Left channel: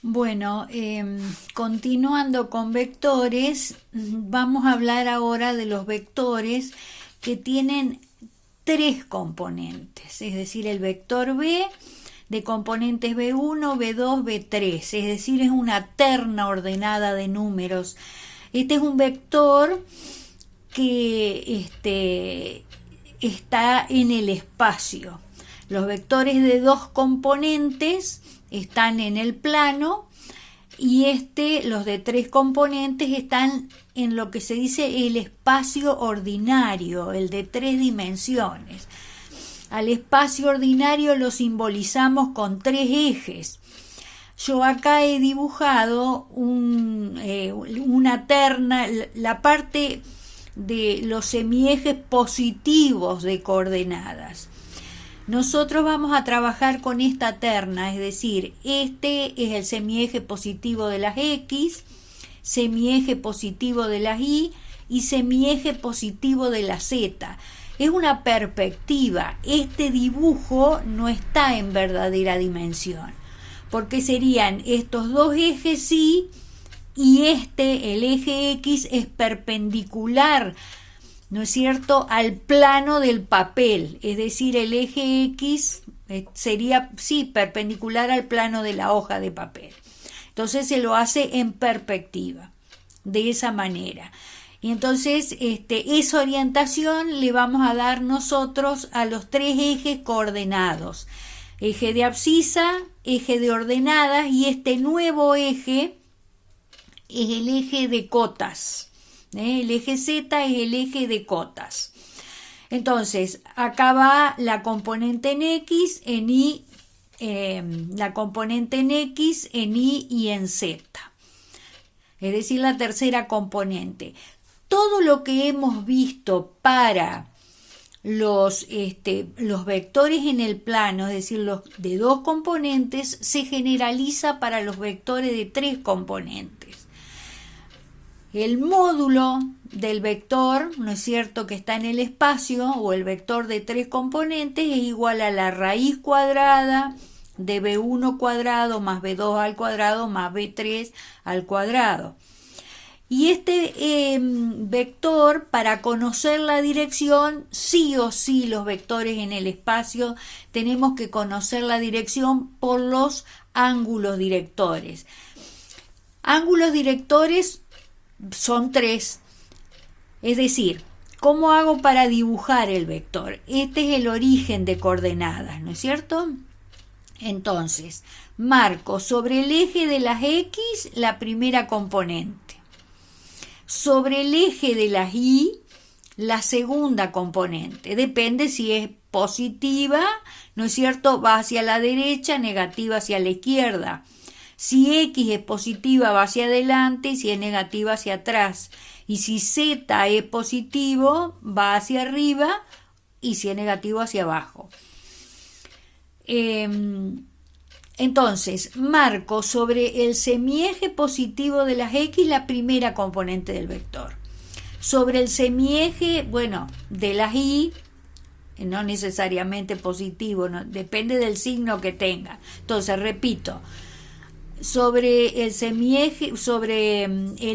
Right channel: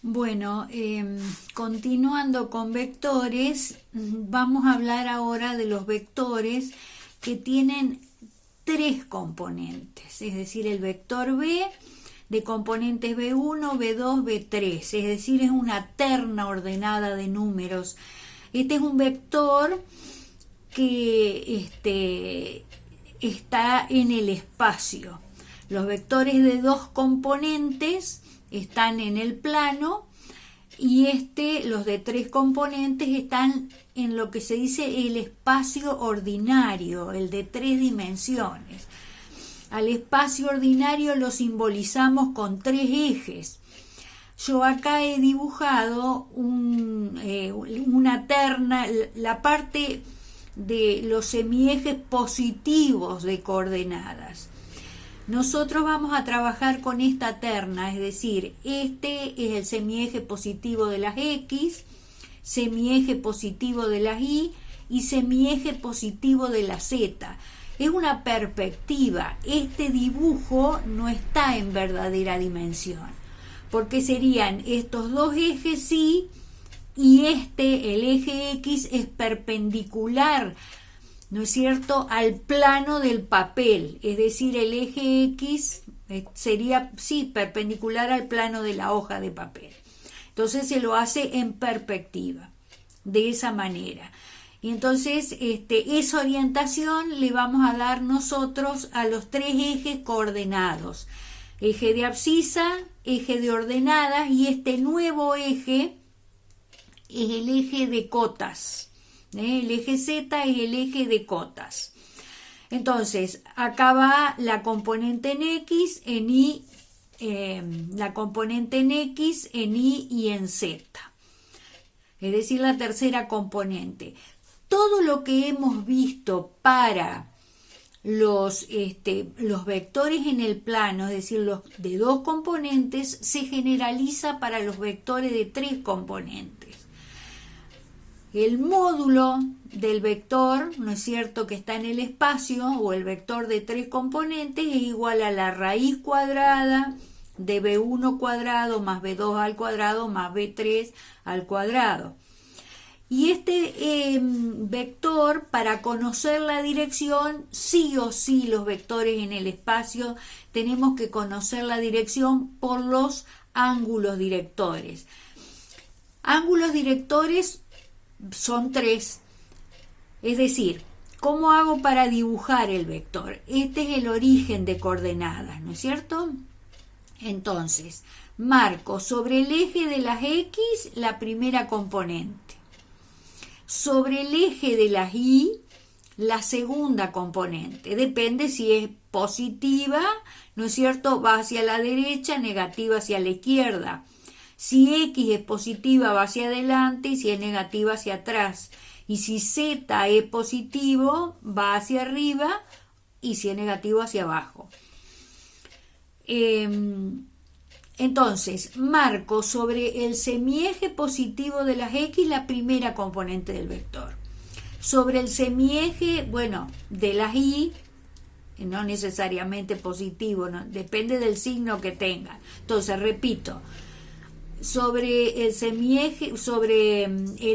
Bueno, continuando con vectores, vamos a hablar ahora de los vectores que tienen tres componentes, es decir, el vector B de componentes B1, B2, B3, es decir, es una terna ordenada de números. Este es un vector que está en el espacio. Los vectores de dos componentes están en el plano y los de tres componentes están en lo que se dice el espacio ordinario, el de tres dimensiones. Al espacio ordinario lo simbolizamos con tres ejes. Yo acá he dibujado una terna, la parte de los semiejes positivos de coordenadas. Nosotros vamos a trabajar con esta terna, es decir, este es el semieje positivo de las X, semieje positivo de las Y y semieje positivo de la Z. Es una perspectiva, este dibujo no está en verdadera dimensión, porque serían estos dos ejes Y y el eje X es perpendicular, ¿no es cierto?, al plano del papel, es decir, el eje X sería, sí, perpendicular al plano de la hoja de papel. Entonces se lo hace en perspectiva, de esa manera. Y entonces esa orientación le vamos a dar nosotros a los tres ejes coordenados. Eje de abscisa, eje de ordenadas y este nuevo eje es el eje de cotas. El eje Z es el eje de cotas. Entonces, acá va la componente en X, en Y, la componente en X, en Y y en Z. Es decir, la tercera componente. Todo lo que hemos visto para los vectores en el plano, es decir, los de dos componentes, se generaliza para los vectores de tres componentes. El módulo del vector, ¿no es cierto?, que está en el espacio, o el vector de tres componentes, es igual a la raíz cuadrada de B1 cuadrado más B2 al cuadrado más B3 al cuadrado. Y vector, para conocer la dirección, sí o sí los vectores en el espacio tenemos que conocer la dirección por los ángulos directores. Ángulos directores son tres. Es decir, ¿cómo hago para dibujar el vector? Este es el origen de coordenadas, ¿no es cierto? Entonces, marco sobre el eje de las X la primera componente. Sobre el eje de las Y, la segunda componente. Depende si es positiva, ¿no es cierto?, va hacia la derecha, negativa hacia la izquierda. Si X es positiva, va hacia adelante, y si es negativa, hacia atrás. Y si Z es positivo, va hacia arriba, y si es negativo, hacia abajo. Entonces, marco sobre el semieje positivo de las X la primera componente del vector. Sobre el semieje, de las Y, no necesariamente positivo, no, depende del signo que tenga. Entonces, repito, sobre el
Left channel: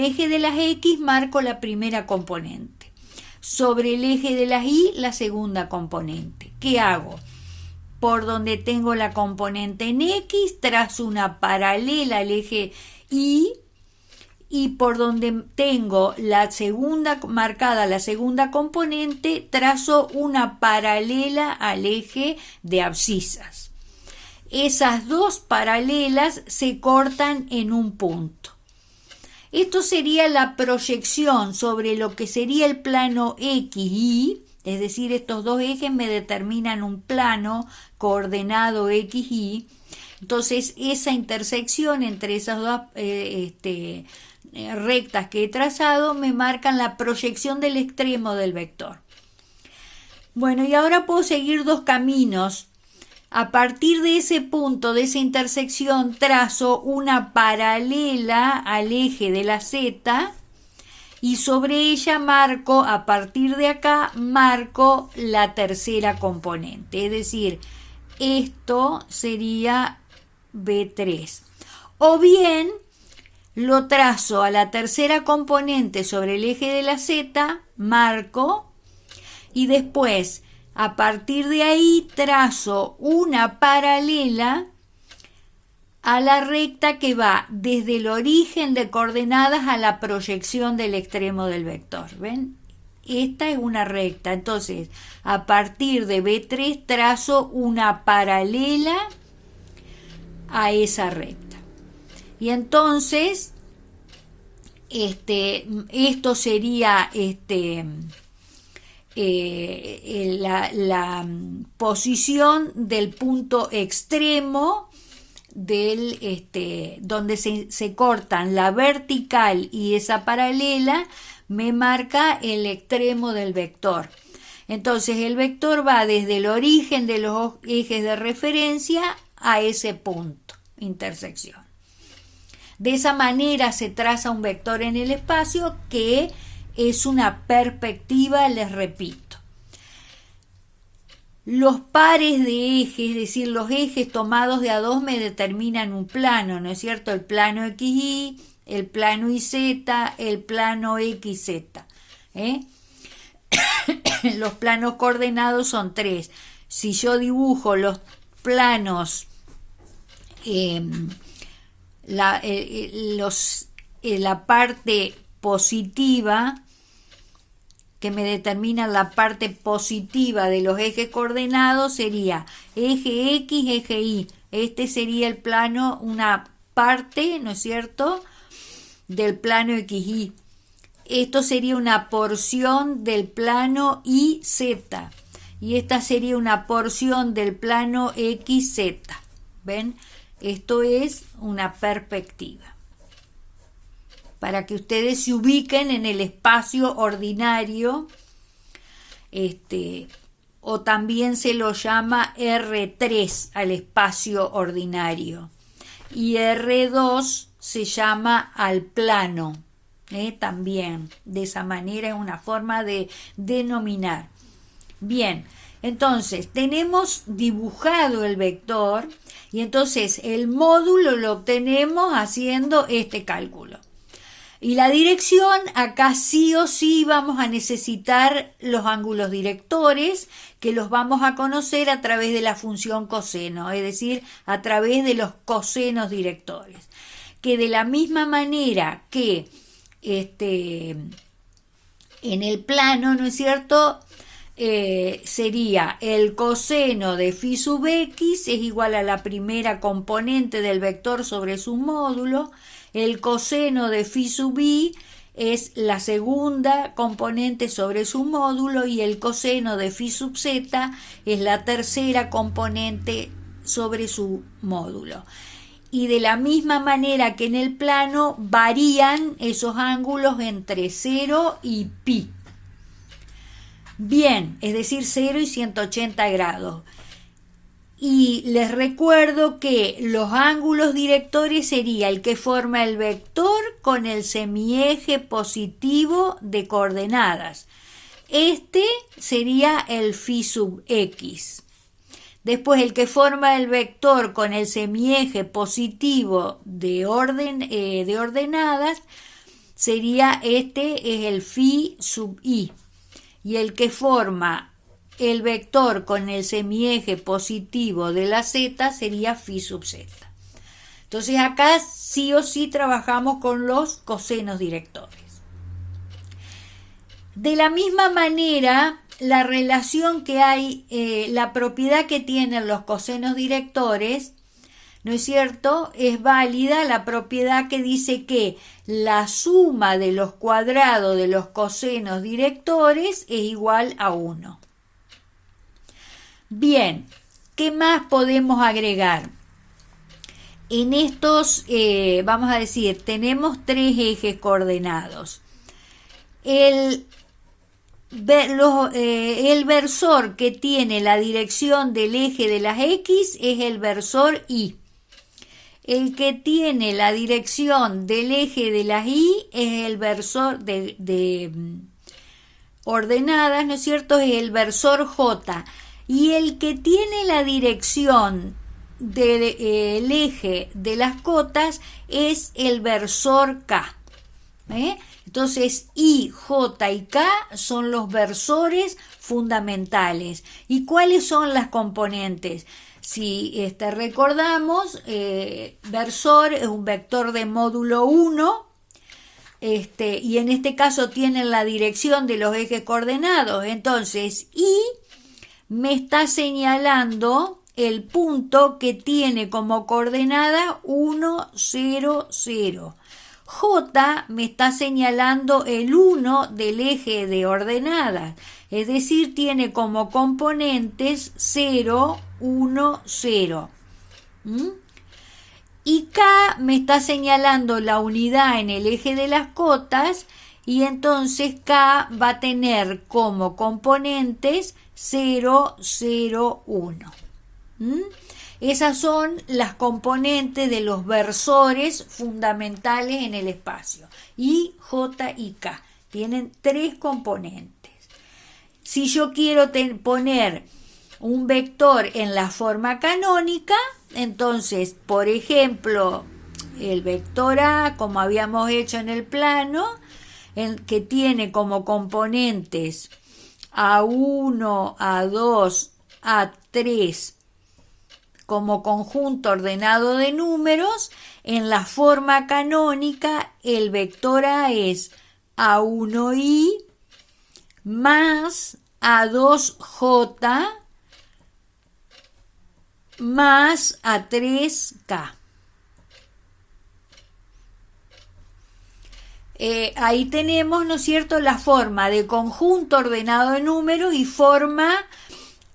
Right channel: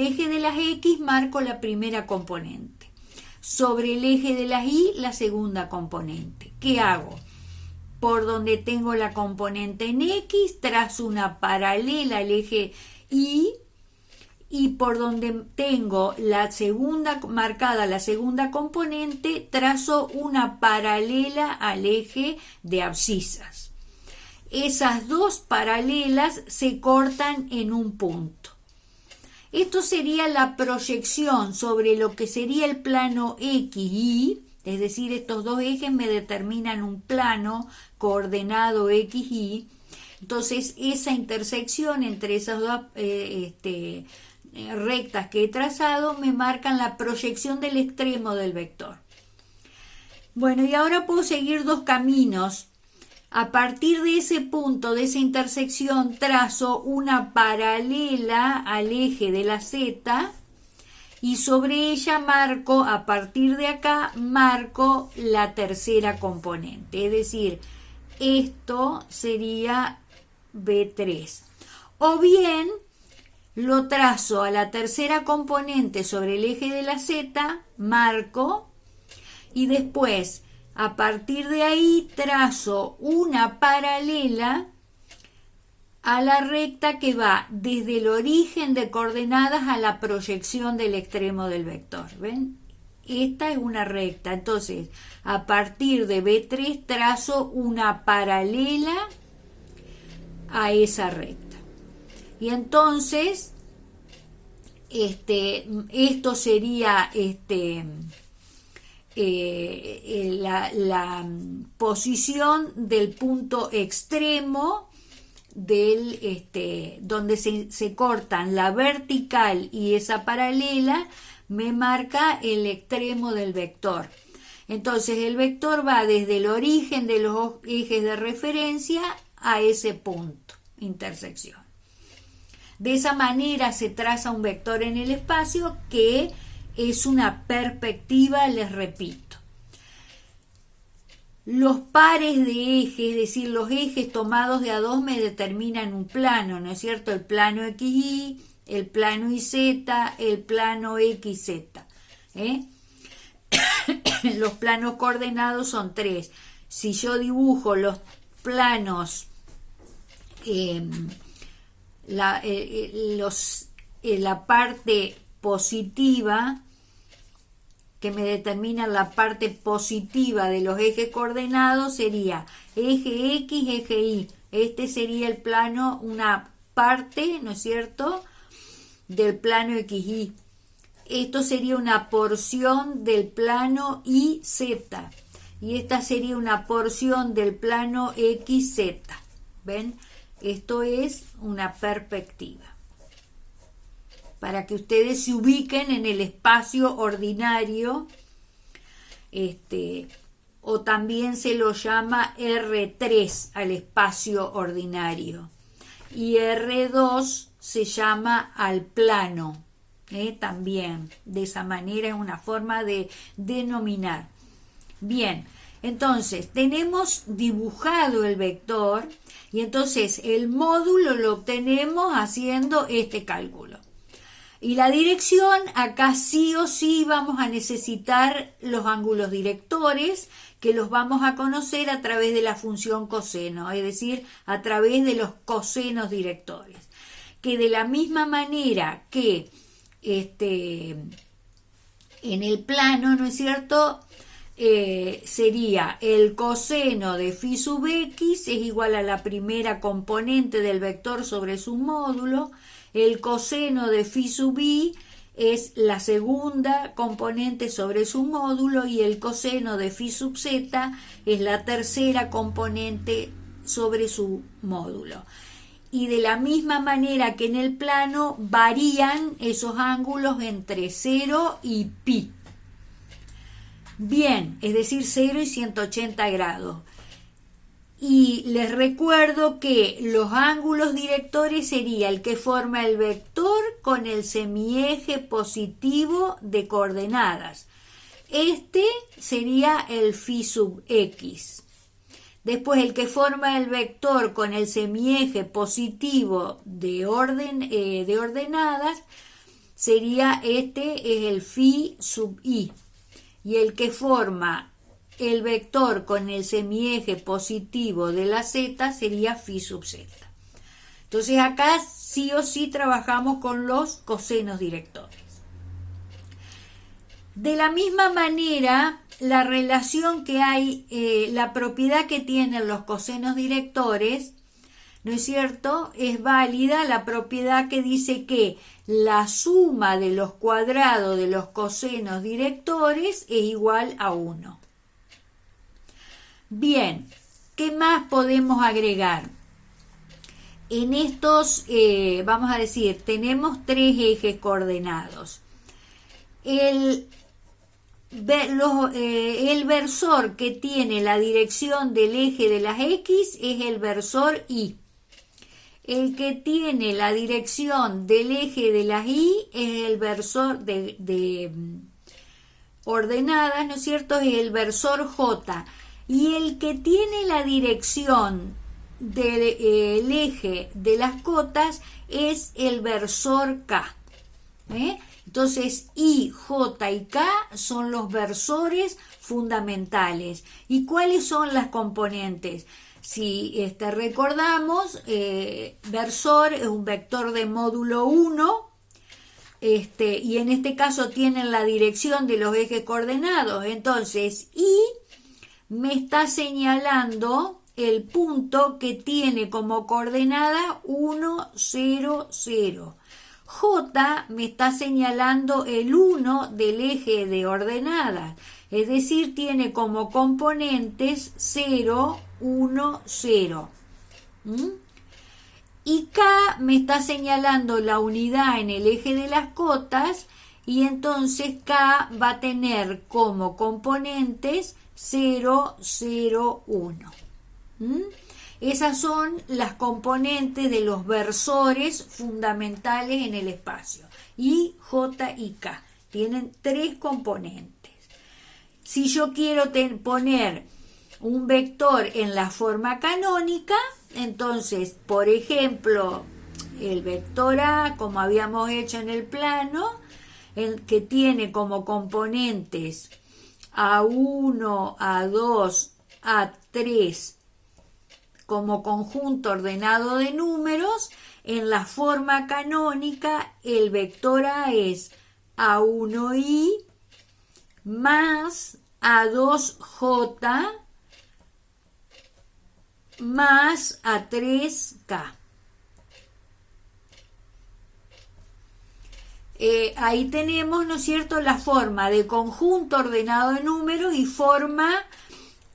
eje de las X marco la primera componente. Sobre el eje de las Y, la segunda componente. ¿Qué hago? Por donde tengo la componente en X, trazo una paralela al eje Y, y por donde tengo marcada la segunda componente, trazo una paralela al eje de abscisas. Esas dos paralelas se cortan en un punto. Esto sería la proyección sobre lo que sería el plano XY, es decir, estos dos ejes me determinan un plano coordenado XY. Entonces, esa intersección entre esas dos rectas que he trazado me marcan la proyección del extremo del vector. Bueno, y ahora puedo seguir dos caminos. A partir de ese punto, de esa intersección, trazo una paralela al eje de la Z y sobre ella a partir de acá, marco la tercera componente. Es decir, esto sería B3. O bien lo trazo a la tercera componente sobre el eje de la Z, marco, y después a partir de ahí trazo una paralela a la recta que va desde el origen de coordenadas a la proyección del extremo del vector. ¿Ven? Esta es una recta. Entonces, a partir de B3 trazo una paralela a esa recta. Y entonces, esto sería la posición del punto extremo donde se cortan la vertical y esa paralela, me marca el extremo del vector. Entonces el vector va desde el origen de los ejes de referencia a ese punto, intersección. De esa manera se traza un vector en el espacio que es una perspectiva, les repito. Los pares de ejes, es decir, los ejes tomados de a dos me determinan un plano, ¿no es cierto? El plano XY, el plano YZ, el plano XZ. Los planos coordenados son 3. Si yo dibujo los planos, la parte positiva, que me determina la parte positiva de los ejes coordenados, sería eje X, eje Y. Este sería el plano, una parte, ¿no es cierto?, del plano XY. Esto sería una porción del plano YZ. Y esta sería una porción del plano XZ. ¿Ven? Esto es una perspectiva. Para que ustedes se ubiquen en el espacio ordinario, o también se lo llama R3 al espacio ordinario, y R2 se llama al plano, también, de esa manera es una forma de denominar. Bien, entonces tenemos dibujado el vector, y entonces el módulo lo obtenemos haciendo este cálculo. Y la dirección, acá sí o sí vamos a necesitar los ángulos directores, que los vamos a conocer a través de la función coseno, es decir, a través de los cosenos directores. Que de la misma manera que en el plano, ¿no es cierto?, sería el coseno de phi sub x es igual a la primera componente del vector sobre su módulo. El coseno de phi sub i es la segunda componente sobre su módulo, y el coseno de phi sub z es la tercera componente sobre su módulo. Y de la misma manera que en el plano varían esos ángulos entre 0 y pi. Bien, es decir, 0 y 180 grados. Y les recuerdo que los ángulos directores sería el que forma el vector con el semieje positivo de coordenadas. Este sería el phi sub x. Después el que forma el vector con el semieje positivo de ordenadas sería es el phi sub i. Y el que forma el vector con el semieje positivo de la z sería phi sub z. Entonces acá sí o sí trabajamos con los cosenos directores. De la misma manera, la relación que hay, la propiedad que tienen los cosenos directores, ¿no es cierto?, es válida la propiedad que dice que la suma de los cuadrados de los cosenos directores es igual a 1. Bien, ¿qué más podemos agregar? En estos, vamos a decir, tenemos 3 ejes coordenados. El versor que tiene la dirección del eje de las X es el versor Y. El que tiene la dirección del eje de las Y es el versor de ordenadas, ¿no es cierto?, es el versor J. Y el que tiene la dirección del eje de las cotas es el versor K. Entonces I, J y K son los versores fundamentales. ¿Y cuáles son las componentes? Si recordamos, versor es un vector de módulo 1, y en este caso tienen la dirección de los ejes coordenados. Entonces I me está señalando el punto que tiene como coordenada 1, 0, 0. J me está señalando el 1 del eje de ordenadas, es decir, tiene como componentes 0, 1, 0. Y K me está señalando la unidad en el eje de las cotas, y entonces K va a tener como componentes 0, 0, 1. Esas son las componentes de los versores fundamentales en el espacio. I, J y K. Tienen 3 componentes. Si yo quiero poner un vector en la forma canónica, entonces, por ejemplo, el vector A, como habíamos hecho en el plano, que tiene como componentes A1, A2, A3, como conjunto ordenado de números, en la forma canónica el vector A es A1i más A2j más A3k. Ahí tenemos, ¿no es cierto?, la forma de conjunto ordenado de números y forma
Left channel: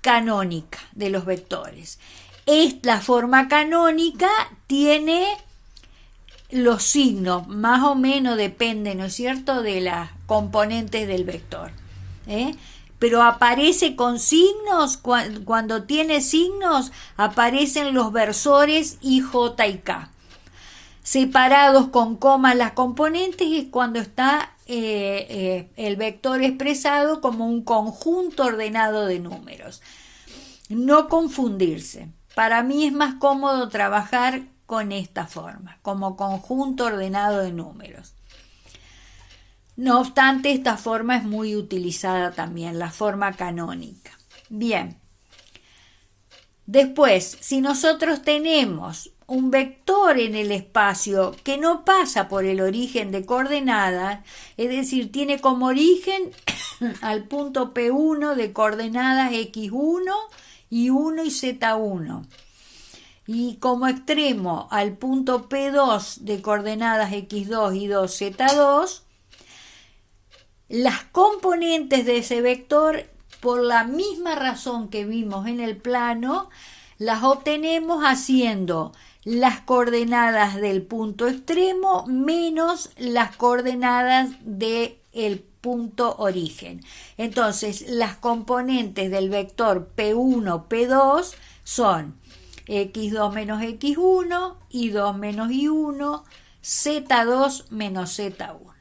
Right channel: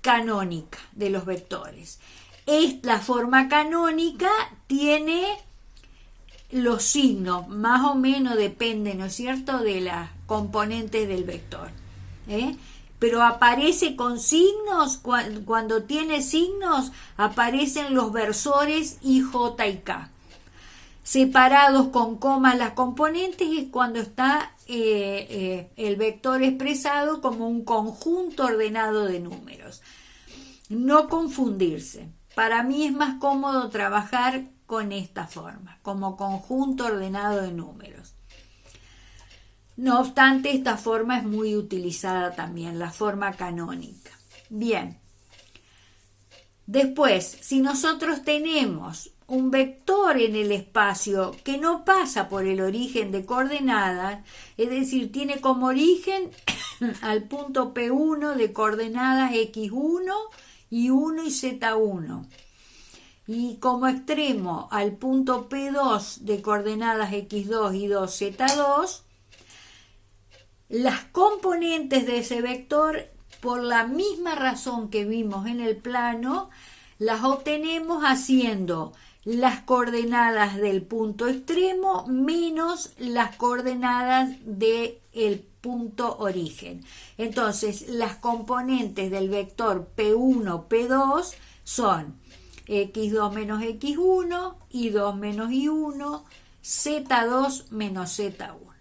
canónica de los vectores. Esta forma canónica tiene los signos, más o menos depende, ¿no es cierto?, de las componentes del vector. Pero aparece con signos, cuando tiene signos aparecen los versores I, J y K. Separados con comas las componentes es cuando está el vector expresado como un conjunto ordenado de números. No confundirse. Para mí es más cómodo trabajar con esta forma, como conjunto ordenado de números. No obstante, esta forma es muy utilizada también, la forma canónica. Bien. Después, si nosotros tenemos un vector en el espacio que no pasa por el origen de coordenadas, es decir, tiene como origen al punto P1 de coordenadas X1, Y1 y Z1, y como extremo al punto P2 de coordenadas X2, Y2, Z2, las componentes de ese vector, por la misma razón que vimos en el plano, las obtenemos haciendo las coordenadas del punto extremo menos las coordenadas del punto origen. Entonces, las componentes del vector P1, P2 son X2 menos X1, Y2 menos Y1, Z2 menos Z1.